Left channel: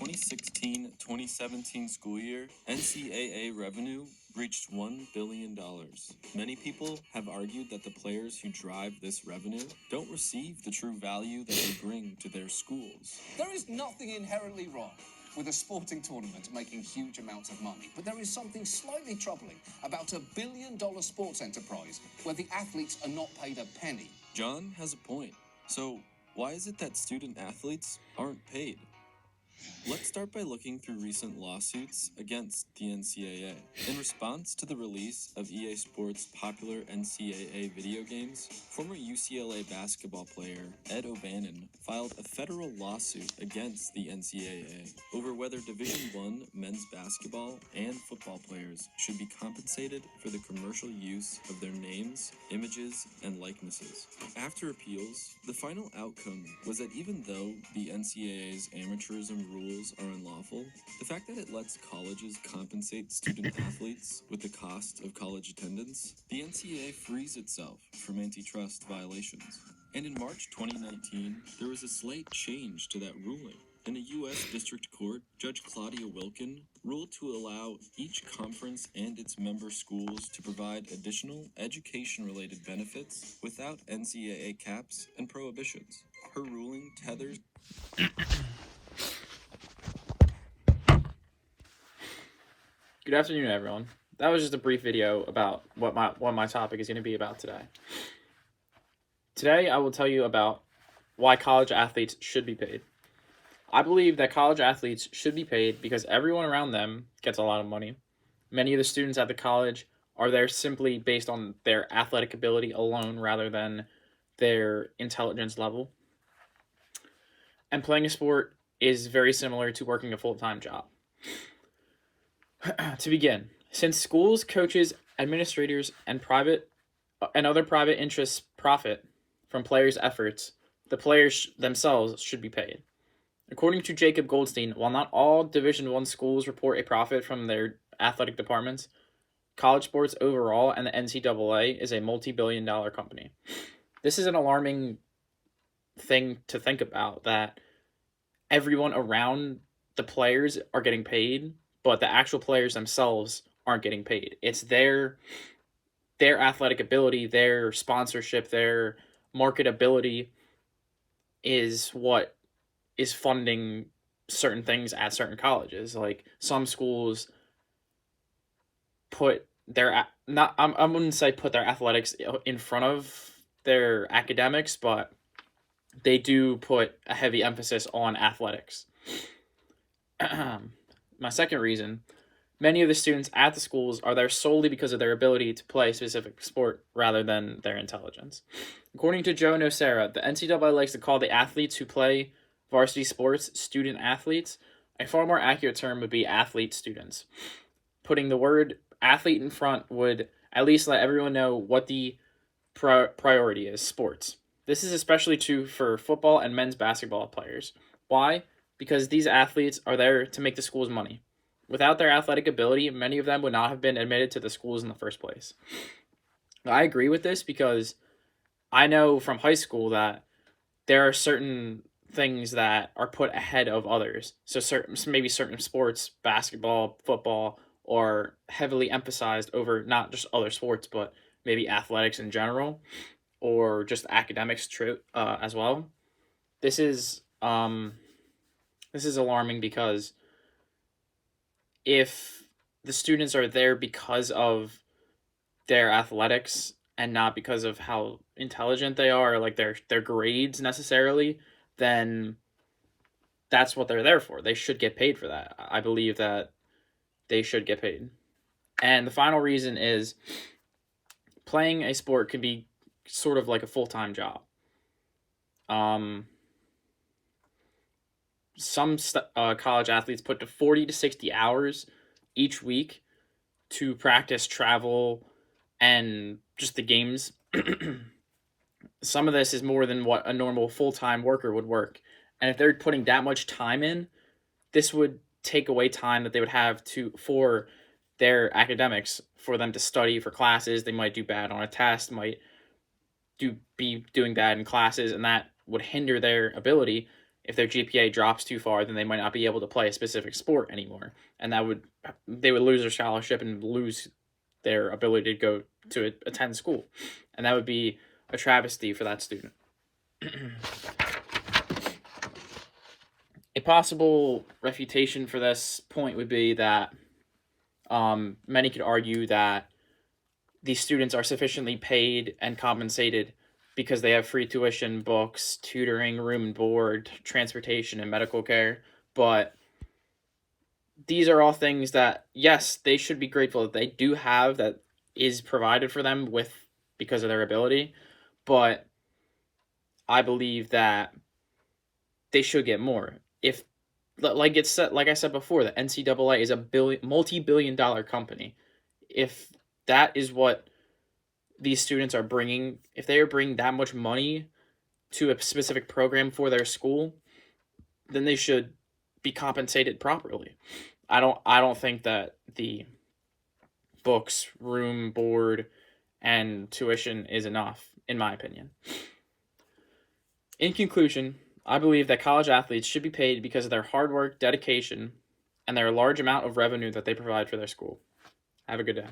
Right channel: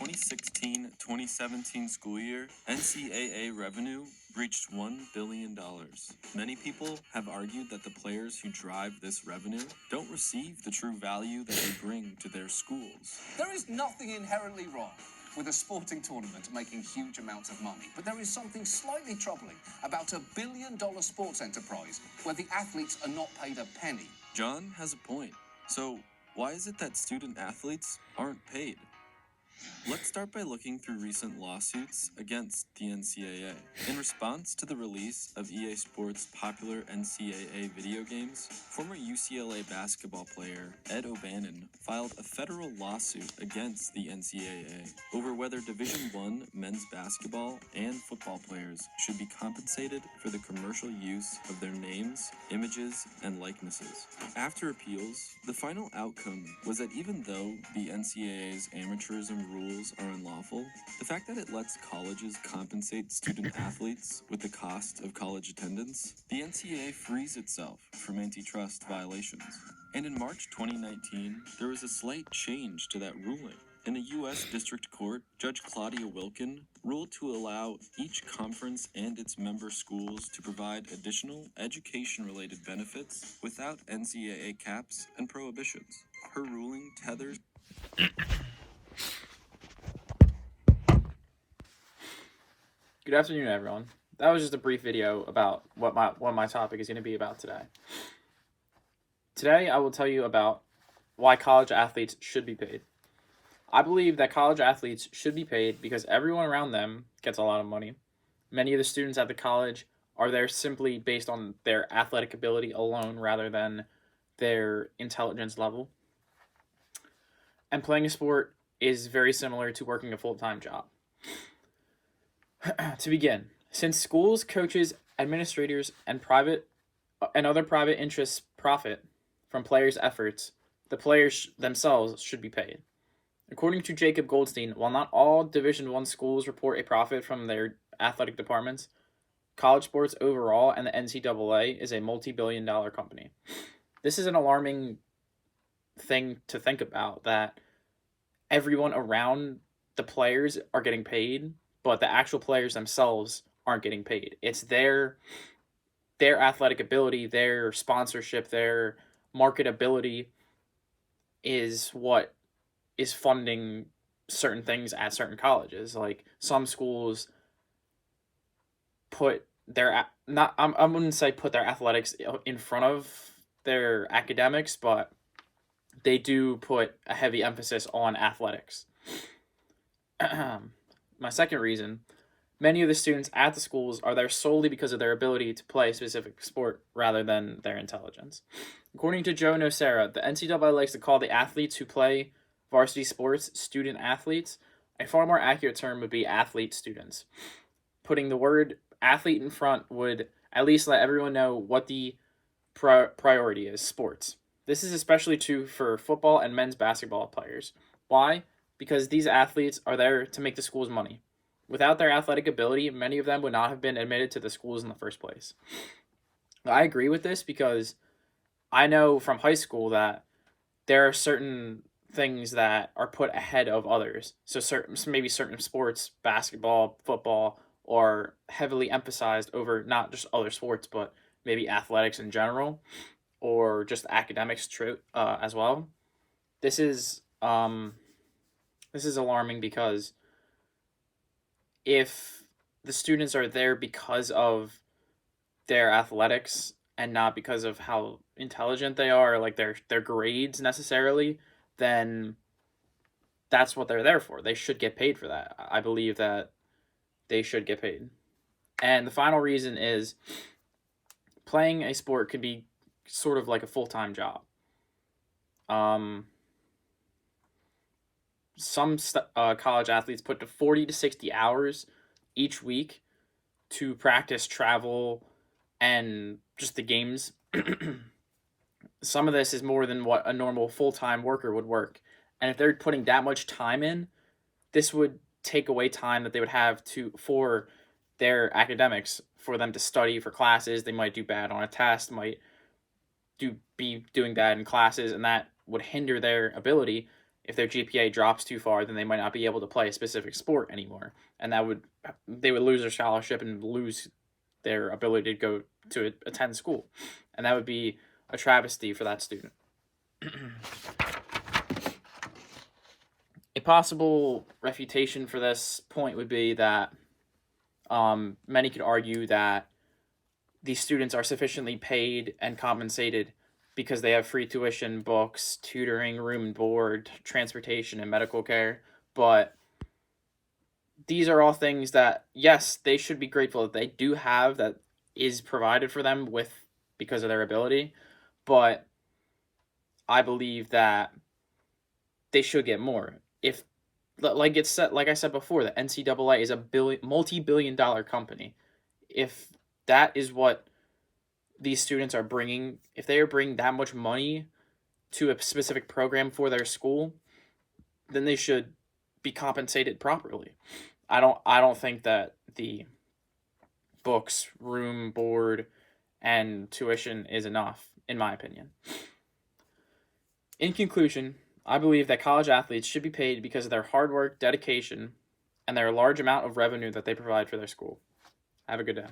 2016-2017 school year, NCAA revenue reached $1 billion. Many people have argued that the players who drive this revenue don't receive the true value that they bring to their schools. There is nothing inherently wrong with a sporting tournament making huge amounts of money, but there is something slightly troubling about a billion-dollar sports enterprise where the athletes are not paid a penny. John has a point. So why is it that student athletes aren't paid? Let's start by looking through recent lawsuits against the NCAA. In response to the release of EA Sports' popular NCAA video games, former UCLA basketball player Ed O'Bannon filed a federal lawsuit against the NCAA over whether Division I men's basketball and football players should be compensated for the commercial use of their names, images, and likenesses. After appeals, the final outcome was that even though the NCAA's amateurism rules are unlawful, the fact that it lets colleges compensate student athletes with the cost of college attendance, the NCAA frees itself from antitrust violations. And in March 2019, there was a slight change to that ruling. In a U.S. District Court, Judge Claudia Wilkin ruled to allow each conference and its member schools to provide additional education-related benefits without NCAA caps and prohibitions. Her ruling tethers... Good afternoon, everyone. That was just a brief video about what my topic is going to be about today. Today, I will tell you about why college athletes should be paid. I believe that college athletes should be paid because everyone around them gets a lot of money. Many of the students at the college are there simply based on their athletic ability alone rather than their intelligence level. And playing a sport is very similar to working a full-time job. To begin, since schools, coaches, administrators, and other private interests profit from players' efforts, the players themselves should be paid. According to Jacob Goldstein, while not all Division I schools report a profit from their athletic departments, college sports overall and the NCAA is a multi-billion-dollar company. This is an alarming thing to think about, that everyone around the players are getting paid, but the actual players themselves aren't getting paid. It's their athletic ability, their sponsorship, their marketability is what is funding certain things at certain colleges. Like some schools put their I wouldn't say put their athletics in front of their academics, but they do put a heavy emphasis on athletics. My second reason, many of the students at the schools are there solely because of their ability to play a specific sport rather than their intelligence. According to Joe Nocera, the NCAA likes to call the athletes who play varsity sports student athletes. A far more accurate term would be athlete students. Putting the word athlete in front would at least let everyone know what the priority is: sports. This is especially true for football and men's basketball players. Why? Because these athletes are there to make the schools money. Without their athletic ability, many of them would not have been admitted to the schools in the first place. I agree with this because I know from high school that there are certain things that are put ahead of others. So maybe certain sports, basketball, football, are heavily emphasized over not just other sports, but maybe athletics in general, or just academics as well. This is alarming because if the students are there because of their athletics and not because of how intelligent they are, like their grades necessarily, then that's what they're there for. They should get paid for that. I believe that they should get paid. And the final reason is playing a sport can be sort of like a full-time job. Some college athletes put to 40 to 60 hours each week to practice, travel, and just the games. Some of this is more than what a normal full-time worker would work. And if they're putting that much time in, this would take away time that they would have for their academics, for them to study for classes. They might do bad on a test, might be doing bad in classes, and that would hinder their ability. if their GPA drops too far, then they might not be able to play a specific sport anymore, and they would lose their scholarship and lose their ability to go to attend school, and that would be a travesty for that student. A possible refutation for this point would be that many could argue that these students are sufficiently paid and compensated because they have free tuition, books, tutoring, room and board, transportation, and medical care. But these are all things that, yes, they should be grateful that they do have, that is provided for them because of their ability. But I believe that they should get more. If, like I said before, the NCAA is a multi-billion-dollar company. If that is what these students are bringing, if they are bringing that much money to a specific program for their school, then they should be compensated properly. I don't think that the books, room, board, and tuition is enough, in my opinion. In conclusion, I believe that college athletes should be paid because of their hard work, dedication, and their large amount of revenue that they provide for their school. Have a good day.